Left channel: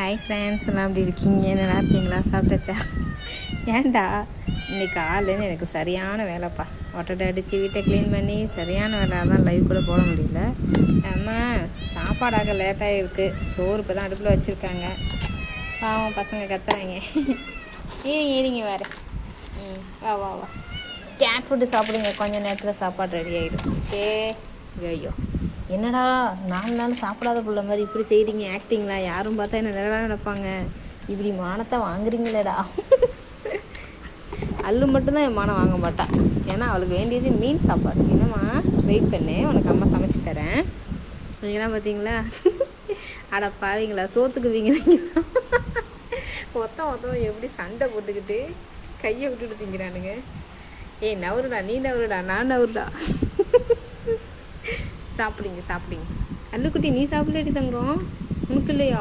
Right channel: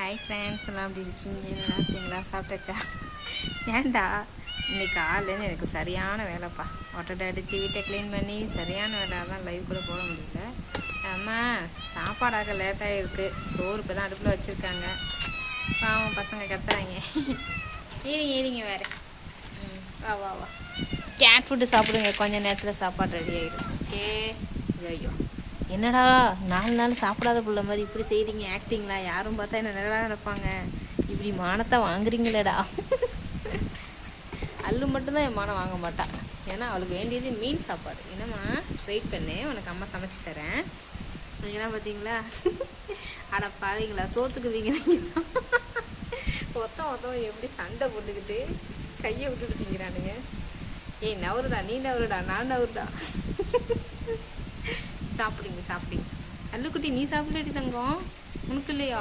Hi friends, எல்லாம் எப்படி இருக்கீங்க? நல்லா இருக்கீங்களா? சாப்பிட்டாச்சா? ஏன்டா இன்னைக்கு காலையிலேருந்து எனக்கு சரியான வேலைப்பா. ஒட்டடை அடித்து வீட்டை க்ளீன் பண்ணி சரியான வேலை. அதான் லைவ் கூட போட முடியல. அம்மா சாப்பாடாக லேட்டாக இருக்குது. சோறு இப்போ தான் அடுப்பில் வச்சுருக்காங்க. பாவம் பசங்க கத்துறாங்க. ஏறிங்க வேறு. வா வா வா, கேட் ஃபுட்டு சாப்பிடுங்க. கொஞ்சம் நேரத்தில் சாப்பாடு ரெடி ஆகிடும். ஓகே. ஐயோ என்னடா 4 நாள் சாப்பிடாத புள்ள மாதிரி இப்படி செய்கிறீங்க ஆக்டிங்களா? யாரும் பார்த்தா என்ன நல்லா நினைப்பாங்க. இப்படி மானத்தை வாங்குறீங்களேடா. அல்லு மட்டும்தான் என் மானம் வாங்க மாட்டா. ஏன்னா அவளுக்கு வேண்டியது மீன் சாப்பாடு. என்னம்மா வெயிட் பண்ணு, உனக்கு அம்மா சமைச்சு தரேன். நீங்களாம் பார்த்தீங்களா? அட பாவீங்களா, சோத்துக்கு வீங்களா? ஒருத்தன் எப்படி சண்டை போட்டுக்கிட்டு கையை விட்டுட்டு திங்கிறானுங்க. ஏய் நவருடா, நீ நவருடா, நான் நவருடா. சாப்பிடுங்க. அல்லுக்குட்டி, நீ சாப்பிடலடி தங்கம்? உனக்கு இல்லையா?